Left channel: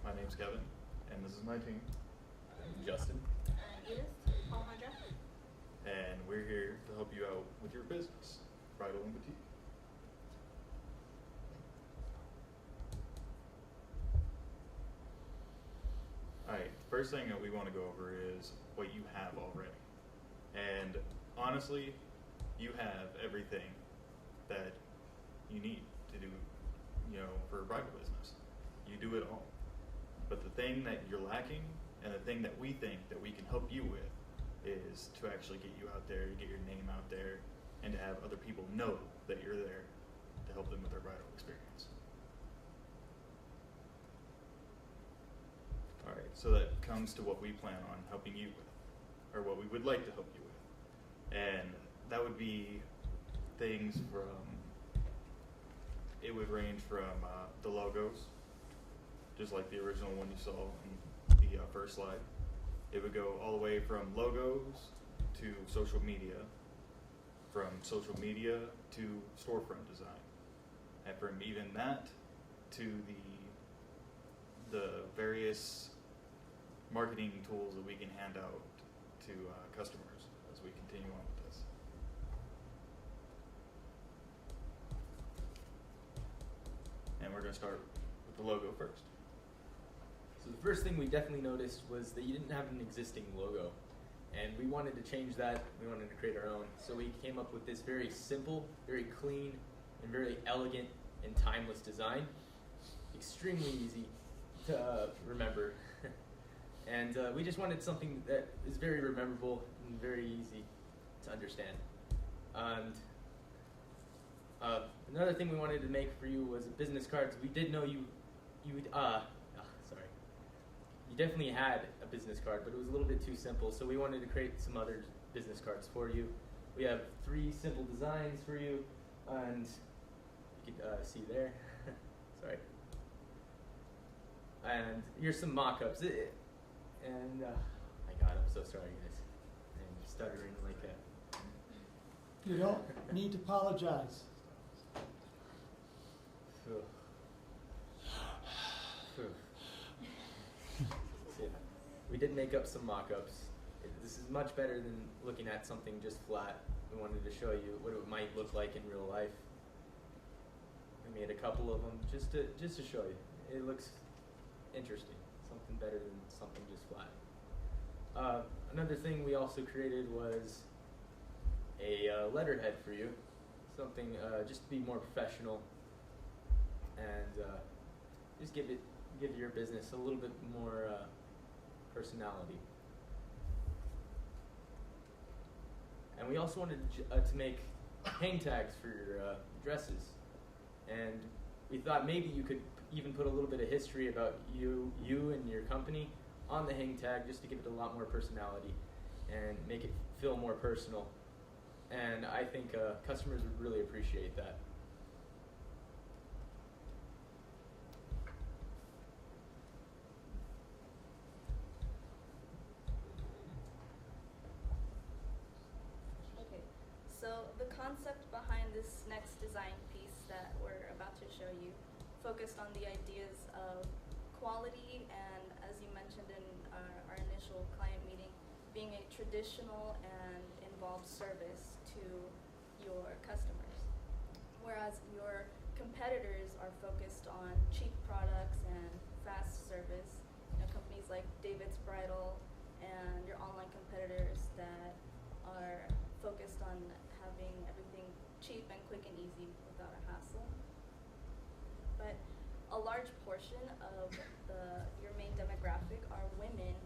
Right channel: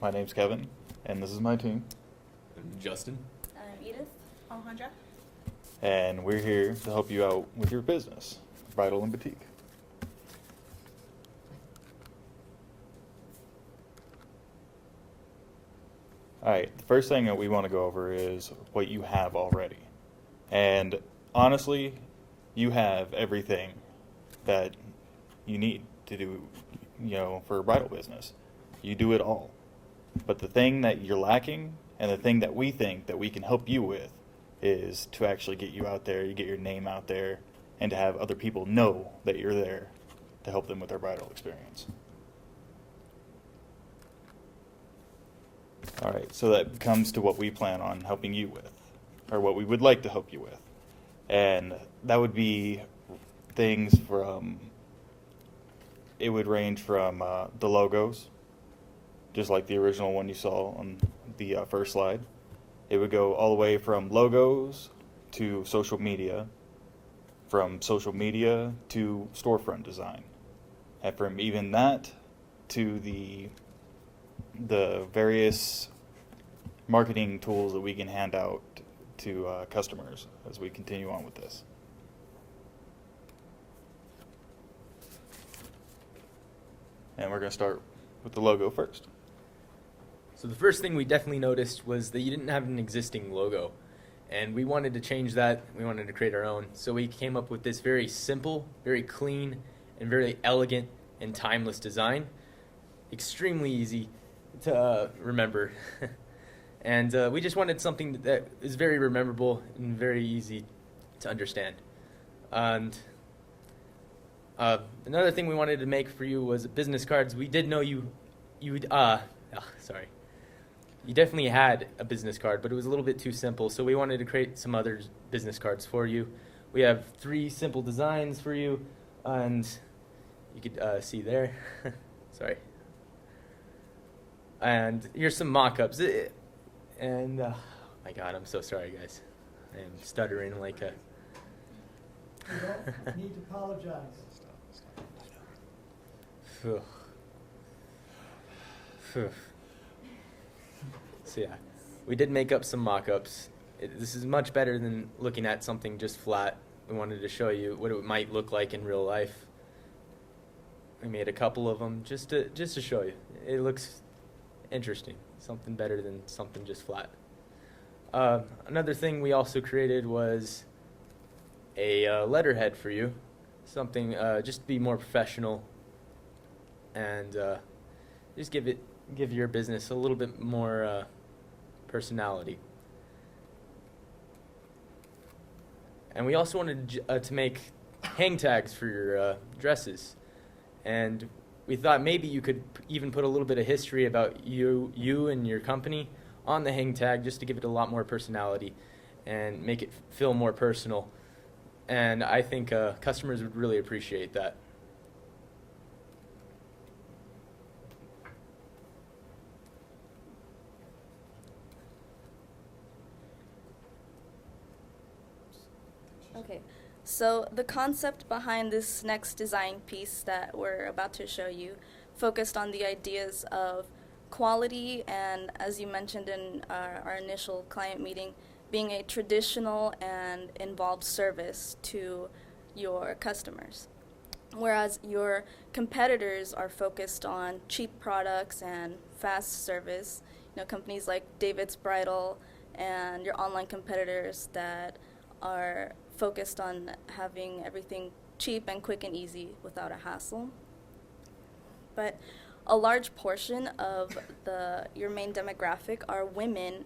My name's Kevin, and this is my team, Justin. Edith, Alejandra. and we're here to help you out with your business, Bridal and Boutique. Alright, the first thing that we want to go over is what you have already. And honestly, you have everything that you need to do, for a bridal business. You do it all. But the thing that you're lacking, and the thing that we think that we can help you with, is to actually get you out there, you get your name out there, and to have other people know that you're there to help them with their bridal experience. Alright, so that comes to what we plan on helping you with, or what we would like to help you with. And that would be things from, it would range from the logos, just like the original one you saw on the first slide. It would go all the way from logos to social media, from social media to storefront design, and from even that to the various marketing tools that we can hand out to customers as we continue on with this. And we're going to start with the logo first. So the first thing we definitely noticed was that you didn't have an existing logo. And we wanted to change that. We wanted to create our own. So we came up with this very simple, very clean, and very elegant and timeless design. Extremely easy to remember. And we just wanted something that is very memorable and very easy to understand. And another thing we wanted to make for you was business cards. We did know you definitely had a business card, but it was a little bit too simple, so we wanted to create some other business cards for you. We have 3 simple designs for you, and you could see there. Sorry. And here's some mock-ups. And, oh my God, I'm so sorry, guys. I am stuttering like a... You don't need to apologize. Phew. Phew. So yeah, we did make up some mock-ups. This is much better than looking at something just flat. We wanted to show you what it might look like in real life. We made a couple of them just to show you. It looks interesting, something better than something just flat. Another thing we also created was a letterhead for you, something just to be more professional and just give your business a little bit more personality. And we also wanted to make hang tags for your dresses, and we thought maybe you could even put a little bit of history about you and your company on the hang tag, just to give it a lot more personality and make it feel more personal. And I think customers would really appreciate that. Okay, so the concept behind this next design piece that we're about to show you focused on the ideas of quality and, as you mentioned in our initial client meeting, being a traditional and involved service to your customers. Whereas your competitors are focused on cheap products and fast service, companies like David's Bridal and your online competitors that are focused on having everything cheap and quick and easy without a hassle. But a large portion of your main demographic are women,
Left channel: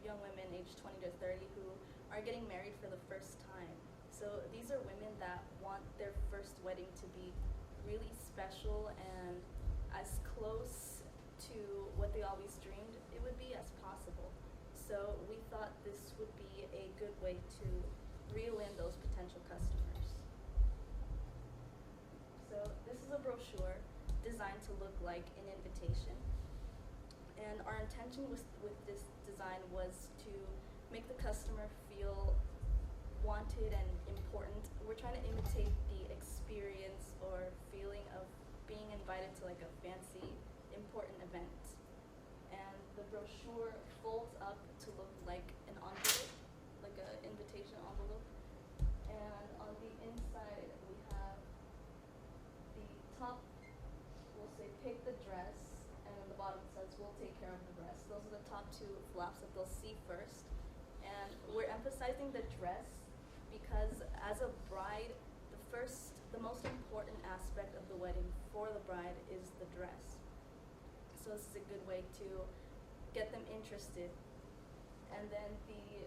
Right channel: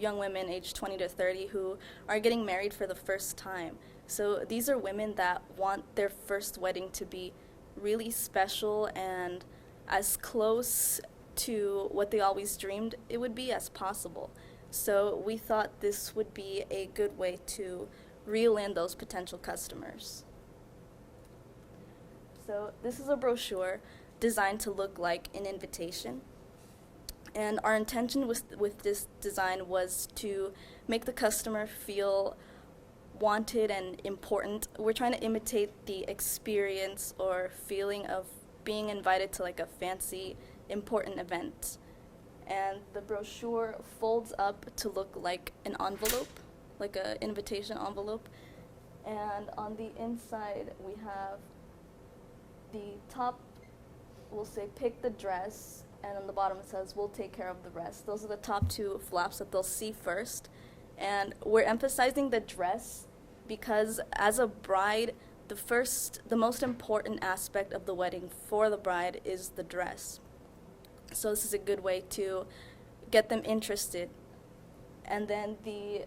young women aged 20 to 30 who are getting married for the first time. So these are women that want their first wedding to be really special and as close to what they always dreamed it would be as possible. So we thought this would be a good way to reel in those potential customers. So this is a brochure designed to look like an invitation. And our intention with this design was to make the customer feel wanted and important. We're trying to imitate the experience or feeling of being invited to like a fancy, important event. and the brochure folds up to look like an envelope, like an invitation envelope. And on the inside, we have the top will say pick the dress, and on the bottom it says we'll take care of the rest. Those are the top two flaps that they'll see first. And we're emphasizing the dress because as a bride, the most important aspect of the wedding for the bride is the dress. So this is a good way to get them interested. And then the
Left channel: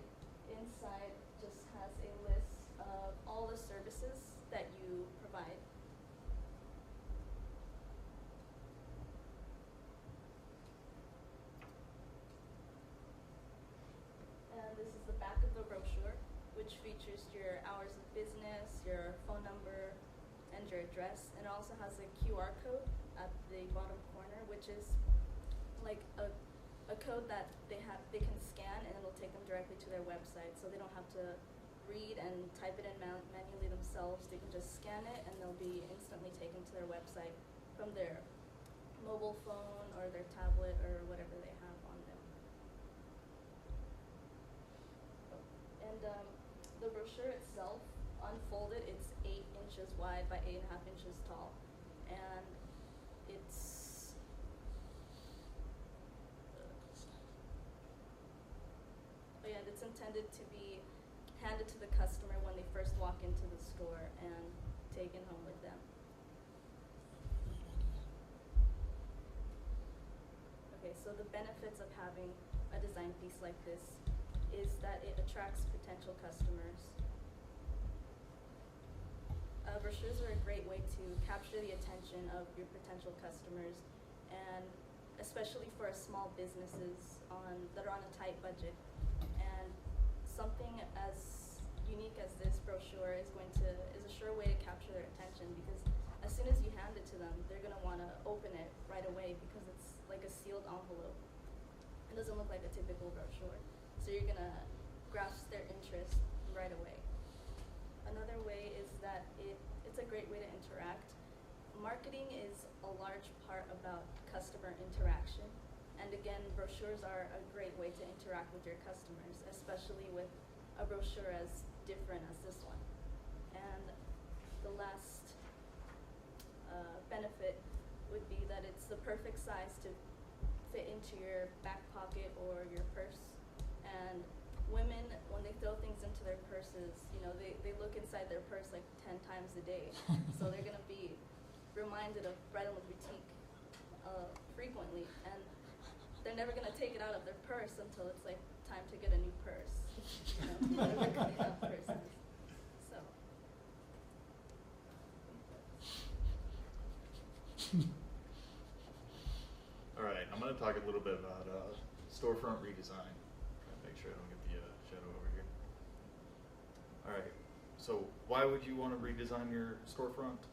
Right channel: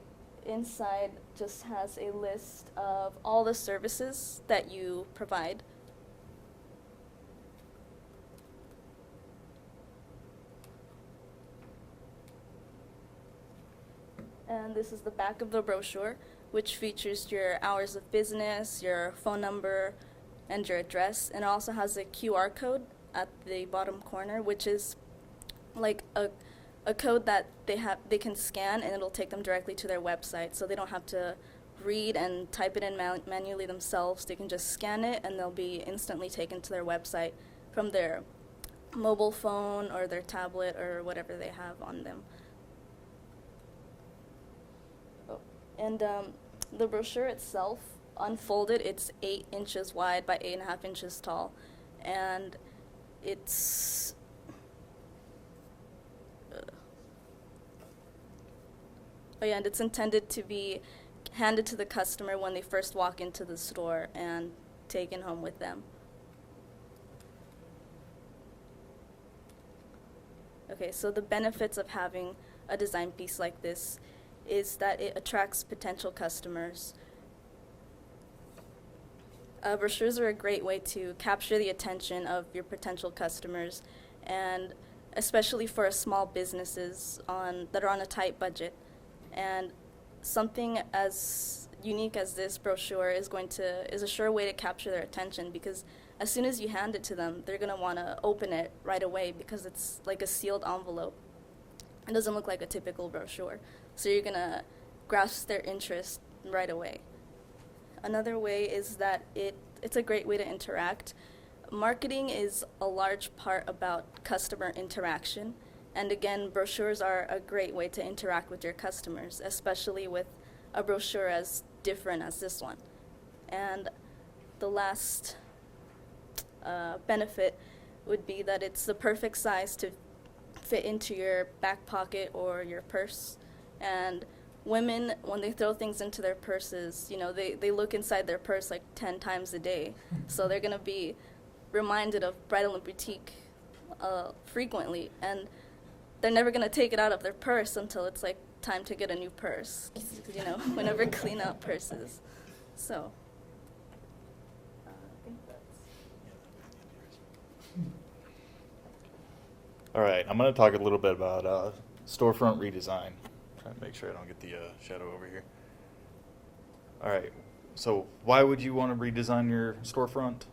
inside just has a list of all the services that you provide. And this is the back of the brochure, which features your hours of business, your phone number, and your address. And it also has a QR code at the bottom corner, which is like a code that they can scan, and it'll take them directly to their website, so they don't have to read and type it in manually themselves. They can just scan it, and they'll be instantly taken to their website from their mobile phone or their tablet or whatever they have on them. And the brochure itself, unfolded, it's 8 inches wide by 8.5 inches tall, and it's and it's intended to be handed to the customer when they first walk into the store and taken home with them. Okay, so the benefits of having a design piece like this is that it attracts potential customers. Brochures are a great way to capture the attention of your potential customers, and especially for small businesses that are on a tight budget. And something as unique as this brochure is a sure way to capture their attention, because as soon as you hand it to them, they're gonna wanna open it right away because it's like a sealed envelope. It doesn't look like a typical brochure. So you're gonna grasp their interest right away. Another way is that it's a great way to interact. Marketing is a large part about customer interaction. And again, brochures are a great way to interact with your customers, especially with a brochure as different as this one. And the last benefit would be that it's the perfect size to fit into your back pocket or your purse. And women, when they throw things into their purses, they look inside their purse like 10 times a day. So they're gonna be reminded of Bridal&Boutique frequently, and they're never gonna take it out of their purse until it's like time to get a new purse. We never clean out purses. So, I think that's. All right, I'm going to talk a little bit about storefront redesign. Trying to make sure I don't get the shadow over here. All right, so why would you want to redesign your storefront,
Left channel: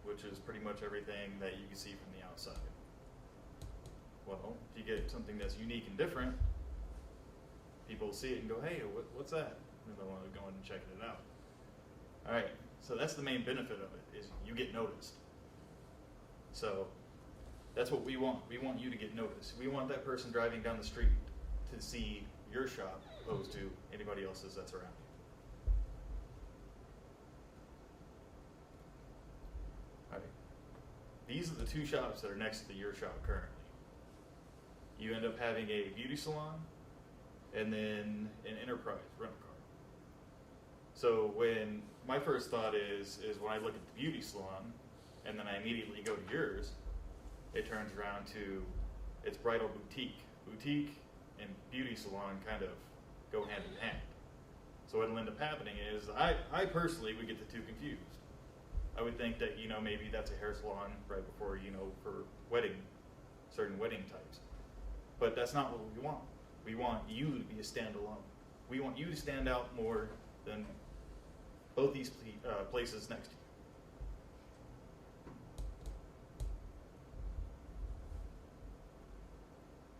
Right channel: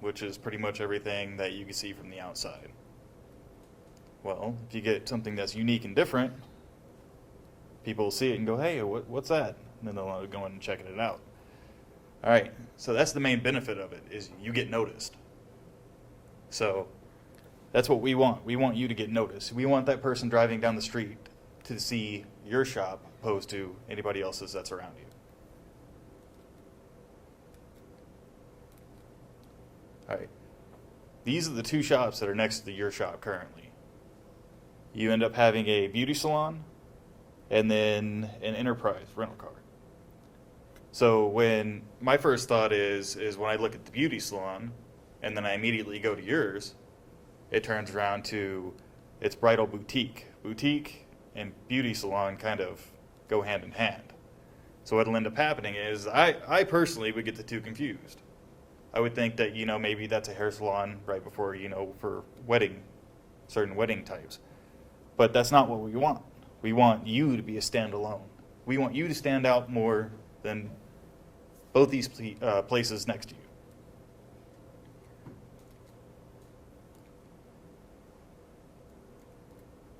which is pretty much everything that you can see from the outside? Well, if you get something that's unique and different, people will see it and go, hey, what's that? And then they'll want to go in and check it out. All right, so that's the main benefit of it, is you get noticed. So that's what we want. We want you to get noticed. We want that person driving down the street to see your shop opposed to anybody else's that's around you. All right, these are the two shops that are next to your shop currently. You end up having a beauty salon and then an enterprise rental car. So when my first thought is when I look at the beauty salon and then I immediately go to yours, it turns around to it's Bridal&Boutique. Boutique and beauty salon kind of go hand in hand. So what'll end up happening is I personally would get the two confused. I would think that, maybe that's a hair salon right before, for certain wedding types. But that's not what we want. We want you to be a standalone. We want you to stand out more than both these places next to you.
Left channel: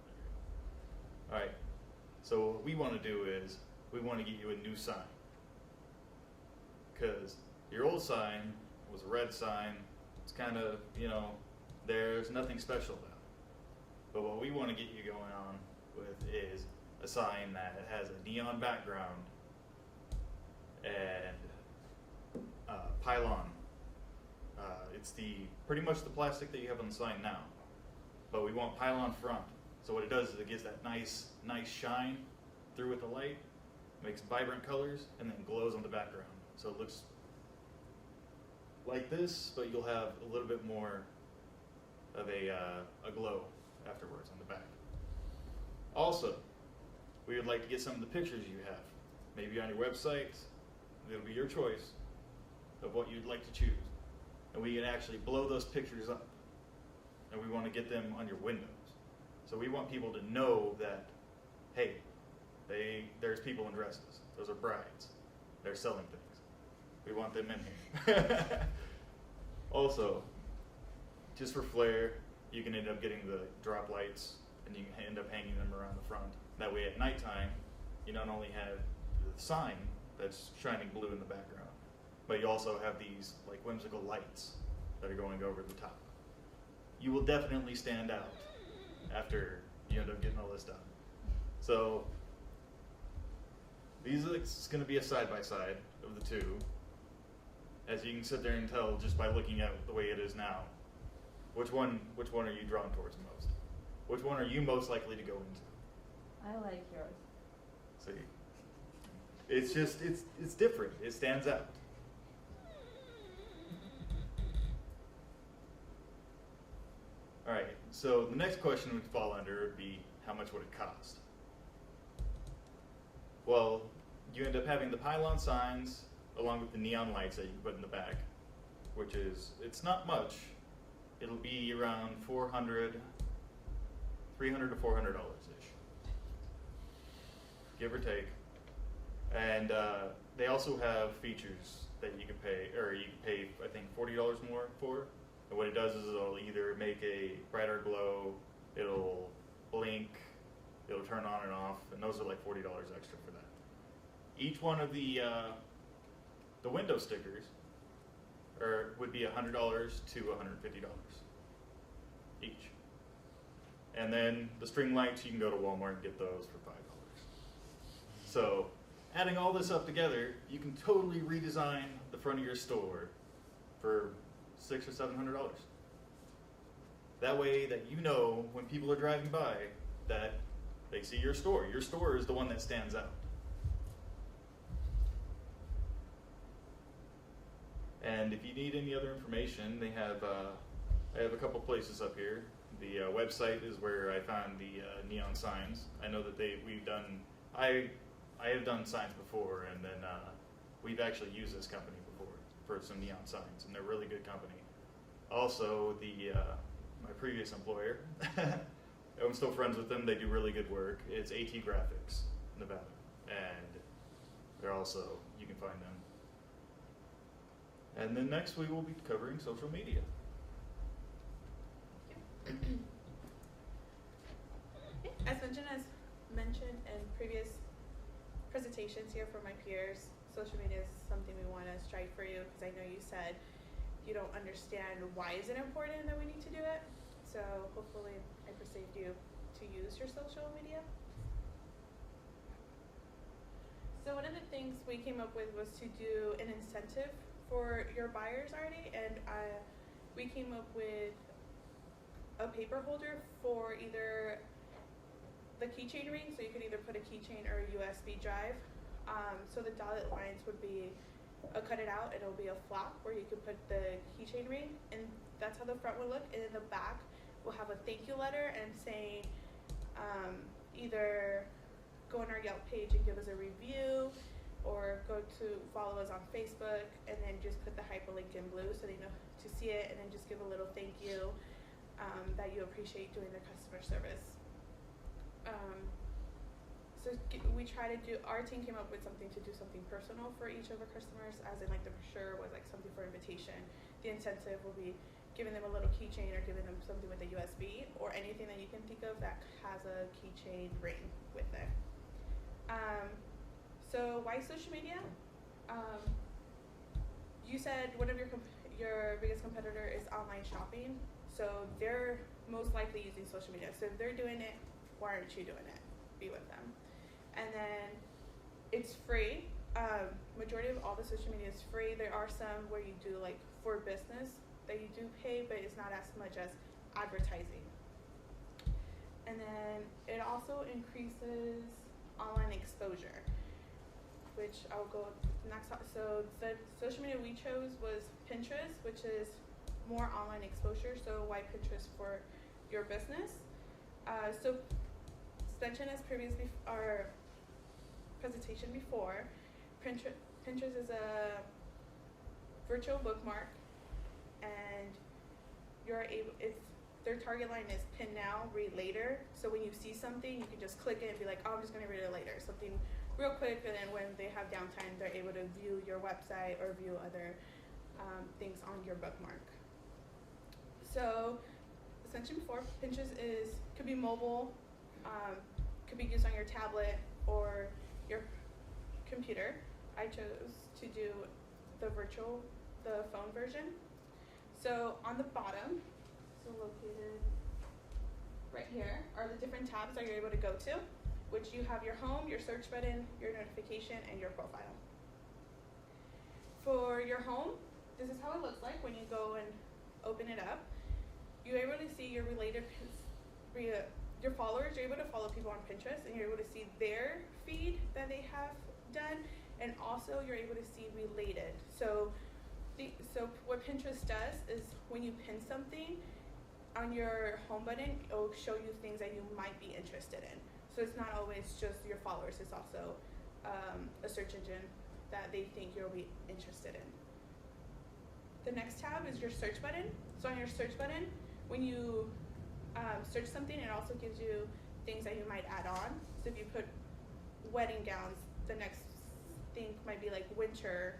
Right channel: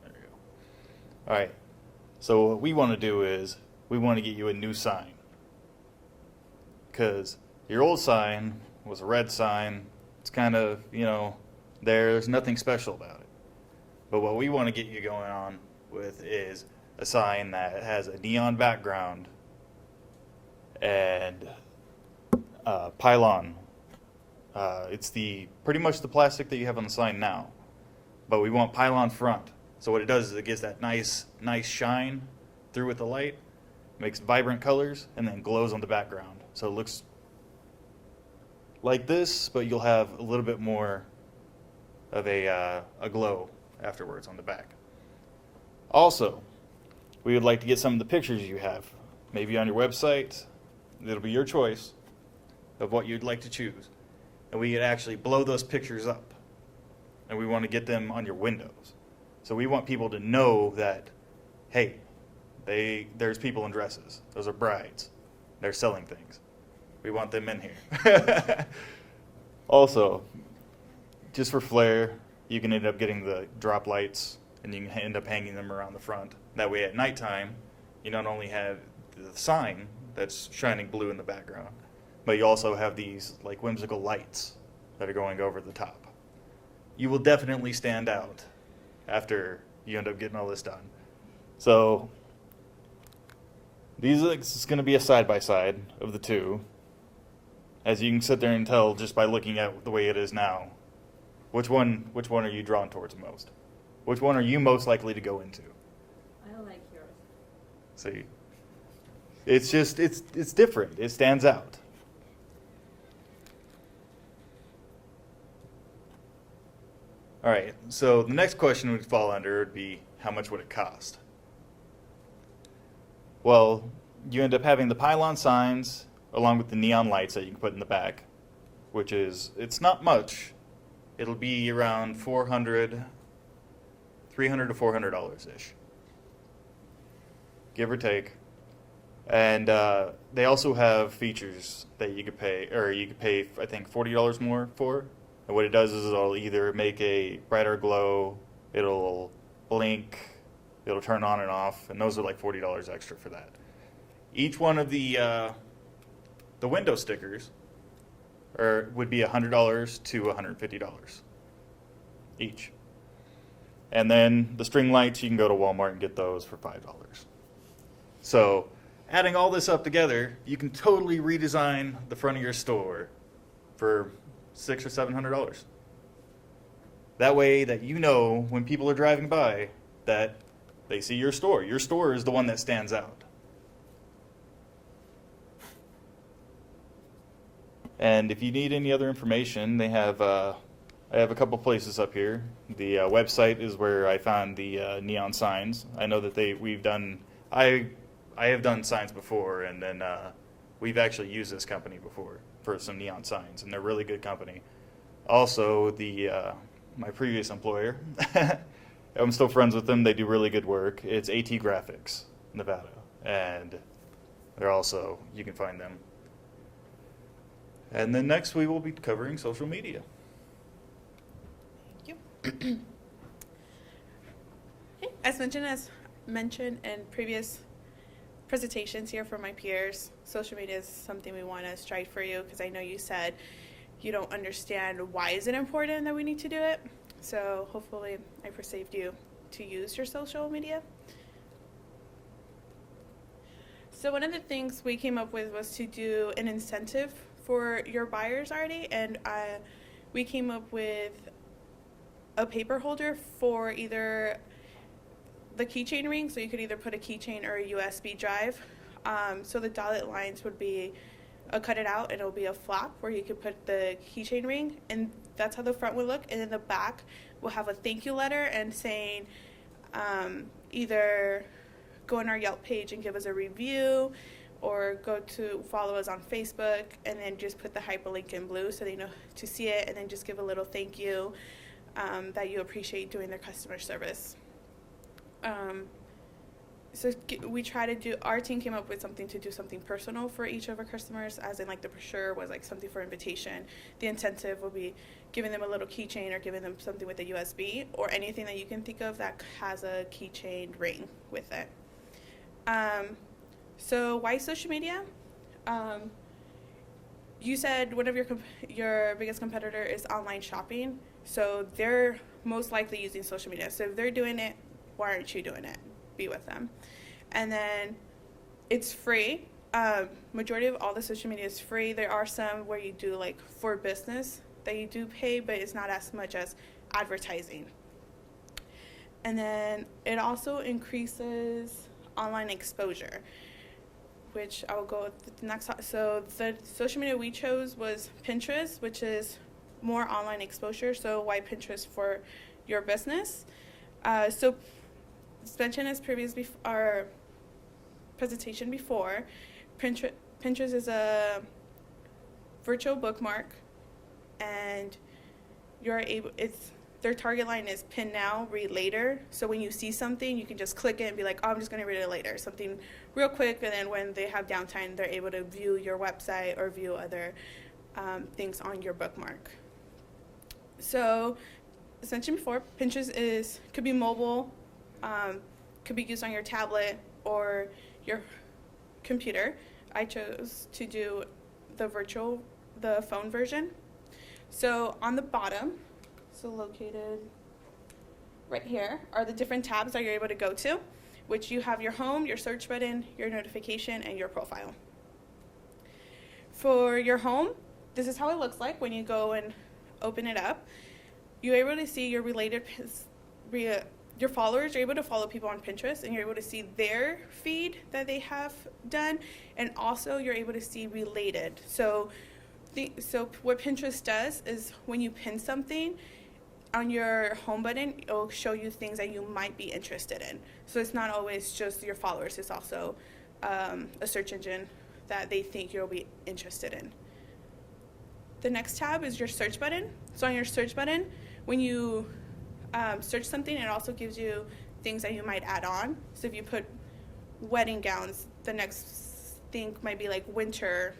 There you go. All right. So what we want to do is we want to get you a new sign. Because your old sign was a red sign. It's kind of, there's nothing special about it. But what we want to get you going on with is a sign that has a neon background and pylon. It's pretty much the plastic that you have on the sign now, but we want pylon front. So what it does is it gives that nice shine through with the light, makes vibrant colors, and then glows on the background. So it looks like this, but you'll have a little bit more of a glow afterwards on the back. Also, we would like to get some of the pictures you have, maybe on your website. It'll be your choice of what you'd like to choose. And we could actually blow those pictures up. And we want to get them on your windows. So we want people to know that, hey, there's people in dresses. Those are brides. They're selling things. We want them in here. Also, just for flair, you can end up getting the drop lights, and you can end up hanging them around the front. That way at nighttime, you not only have the sign that's shining blue in the background, but you also have these like whimsical lights that are going over the top. You will definitely stand out after you end up getting all this done. So it's going to be a side-by-side of the two, as you can sit there and tell just by looking at the way it is now. Which one are you drawn towards most? Which one are you most likely to go into? I like yours. See, it's different. It stands out. All right, so the next question would fall under would be, how much would it cost? Well, you end up having the pylon signs along with the neon lights that you can put in the back, which it's not much. It'll be around $300 to $400-ish, give or take. And they also have features that you could pay, I think, $40 more for. And what it does is it'll either make a brighter glow, it'll blink, it'll turn on and off, and those are like $40 extra for that. Each one of the window stickers would be $100 to $150 each. And then the string lights, you can go to Walmart and get those for $5. So adding all this up together, you can totally redesign the front of your store for $600 or $700. That way that you know when people are driving by that they see your store. Your store is the one that stands out. And if you need any other information, I have a couple places up here. The website is where I found the neon signs. I know that I have done signs before, and then we've actually used this company before for some neon signs, and they're really good company. Also, my previous employer, I'm still friends with them. They do really good work. It's AT Graphics, Nevada, and you can find them. And then next we will be covering social media. Thank you. As mentioned in previous presentations here from my peers, social media is something we want to strive for you, because I know you said you don't understand why is it important that we need to do it. So hopefully I persuaded you to use your social media. So one of the things we came up with was to do an incentive for your buyers already, and we came up with a paper holder for either the keychain ring, so you could either put a keychain or a USB drive. So the dotted lines would be cut it out, and it'll be a flap where you could put the keychain ring, and that's how the front would look. And in the back we'll have a thank you letter and saying either go on our Yelp page and give us a review, or go to follow us on Facebook, and then just put the hyperlink in blue so they know to see it, and then just give a little thank you that you appreciate doing their customer service. So we try to do, our team came up with something to do something personal for each of our customers, as in like the brochure was like something for invitation. The incentive will be giving them a little keychain, or giving them something with a USB, or anything that you can think of that has a keychain ring with it. So why social media? You said one of your biggest competitor is online shopping. So their most likely using social media. So if they're doing it, why aren't you doing it? Be with them. And then it's free. Majority of all the social media is free. There are some where you do like for business that you do pay, but it's not as much as advertising. And then it also increases online exposure, which I will go with the next. So the social media we chose was Pinterest, which is more online exposure. So why Pinterest for your business? So as mentioned as our presentation before, Pinterest is a virtual bookmark, and their target line is pin now, read later. So when you see something, you can just click it and be like, oh, I'm just going to read it later. Something real quick, and then when they have downtime, they're able to view your website or view other things on your bookmark. So as mentioned before, Pinterest could be mobile, could be used on your tablet or your computer. I chose to do the phone version. So on the bottom, so located right here, are the different tabs that you're able to go to, which you have your home, your search button, your notification, and your profile. For your home, this is how it looks like when you go and open it up. You're able to see your your followers. You're able to follow people on Pinterest, and you're able to see their feed that they have done, and also you're able to see related. So what Pinterest does is when you pin something on your home button, it'll show you things that you might be interested in. So it's not always just your followers, it's also a search engine that they think you'll be interested in. The next tab is your search button. So on your search button, when you search something, it also gives you things that you might add on. So if you put wedding gowns, the next thing might be like winter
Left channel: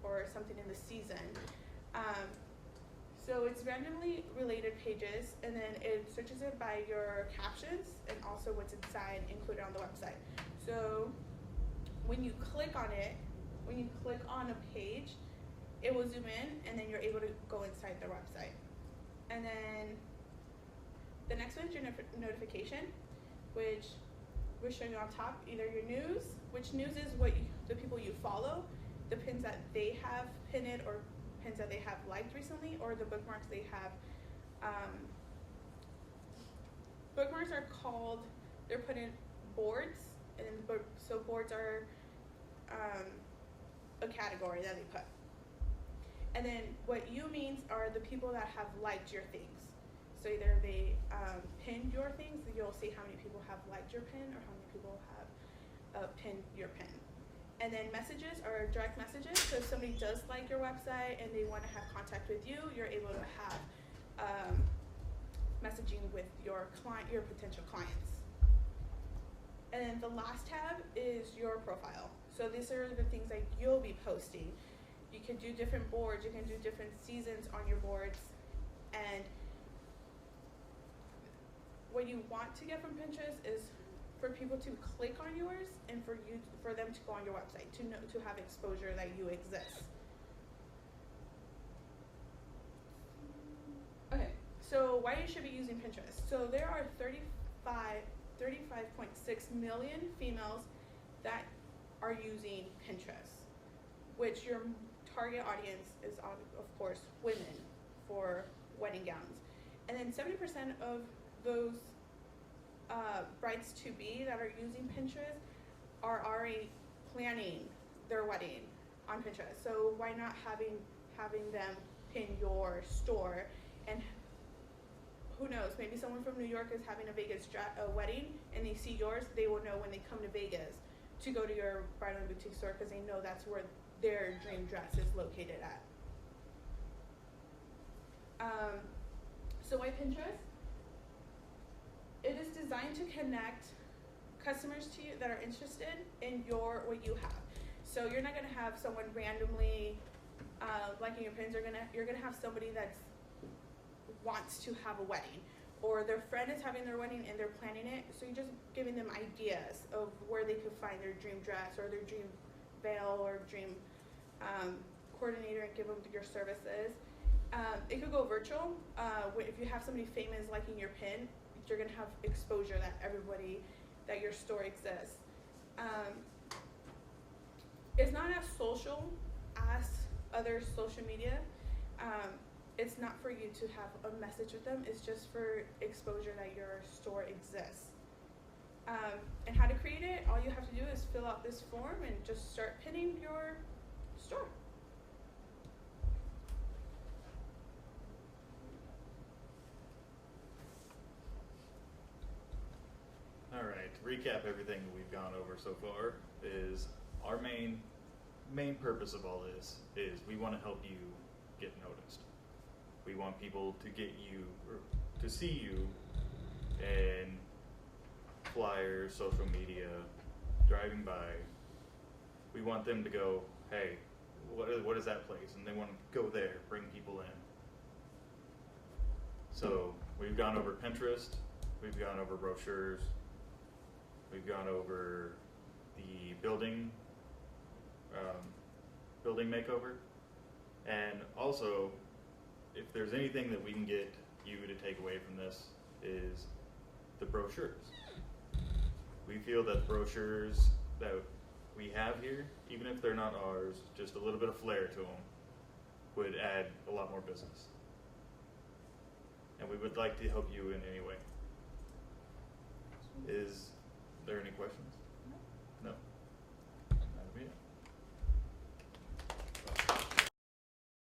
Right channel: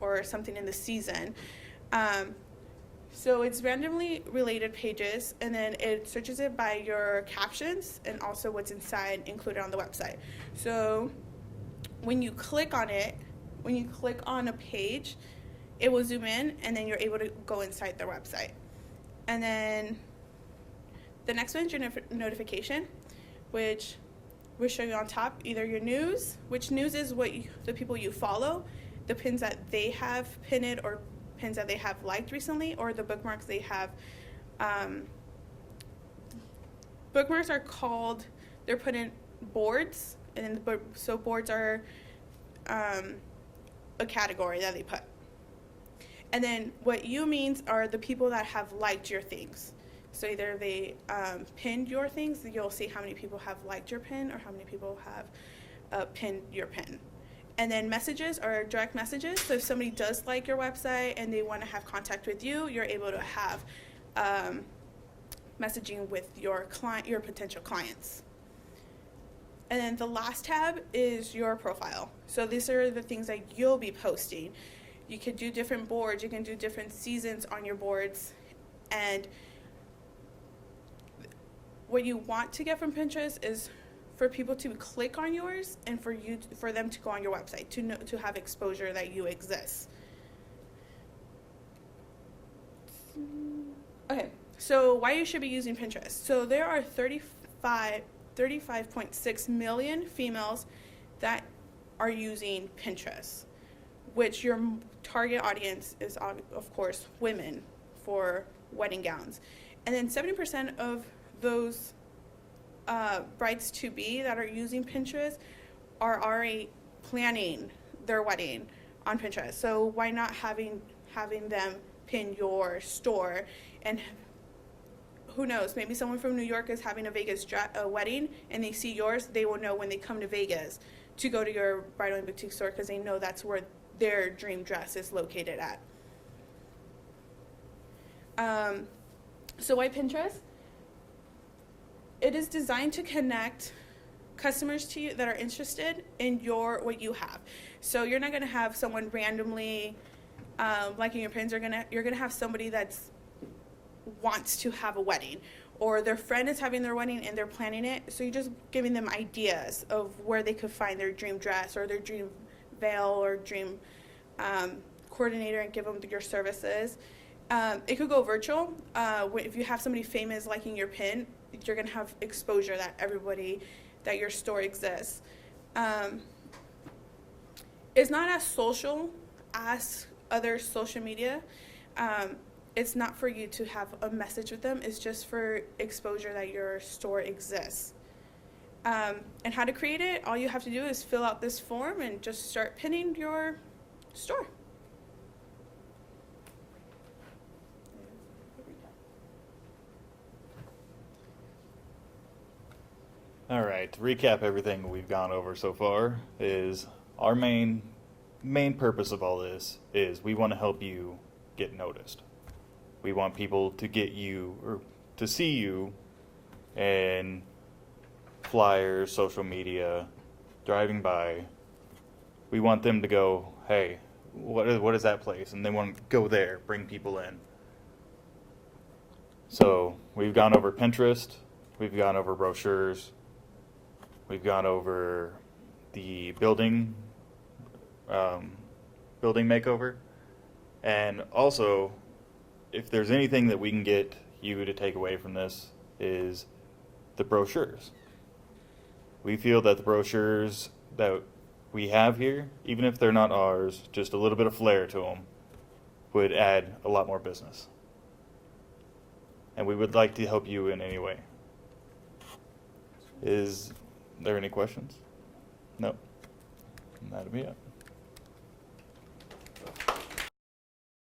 or something in the season. So it's randomly related pages, and then it searches it by your captions and also what's inside included on the website. So when you click on it, when you click on a page, it will zoom in, and then you're able to go inside their website. And then the next one is your notification, which we'll show you on top, either your news, which news is the people you follow, the pins that they have pinned or pins that they have liked recently, or the bookmarks they have. Bookmarks are they're put in boards, and so boards are a category that they put. And then what you means are the people that have liked your things. So either they pinned your things, you'll see how many people have liked your pin or how many people have pinned your pin. And then messages are direct messages. So if somebody does like your website and they want to have contact with you, you're able to have messaging with your potential clients. And then the last tab is your profile. So these are the things that you'll be posting. You can do different boards, you can do different seasons on your boards. And what you want to get from Pinterest is for people to click on yours and for them to go on your website, to have exposure that you exist. Okay, so why you should be using Pinterest. So there are 35.6 million females that are using Pinterest, which your target audience is, of course, women for wedding gowns. And then 70% of those brides to be that are using Pinterest are already planning their wedding on Pinterest. So why not having them pin your store? And who knows, maybe someone from New York is having a Vegas wedding and they see yours, they will know when they come to Vegas to go to your Bridal&Boutique store because they know that's where their dream dress is located at. So why Pinterest? It is designed to connect customers to you that are interested in what you have. So you're not going to have someone randomly liking your pins. You're gonna have somebody that wants to have a wedding, or their friend is having their wedding and they're planning it. So you're just giving them ideas of where they could find their dream dress or their dream veil or dream coordinator, and give them your services. It could go virtual. If you have somebody famous liking your pin, you're gonna have exposure that your store exists. It's not as social as other social media. It's not for you to have a message with them. It's just for exposure that your store exists. And how to create it, all you have to do is fill out this form and just start pinning your store. All right, to recap everything we've gone over so far is our main purpose of all this is we want to help you get noticed. We want people to get you or to see you in flyers, social media, driving by. We want them to go, hey, what is that place? And they want to go there, bring people in. So we've gone over Pinterest, we've gone over brochures, we've gone over the building makeover, and also, if there's anything that we can get you to take away from this is the brochures. We feel that the brochures that we have here, even if they're not ours, just a little bit of flair to them, would add a lot more business. And we would like to help you in any way. Is there any questions? No. And that'll be it.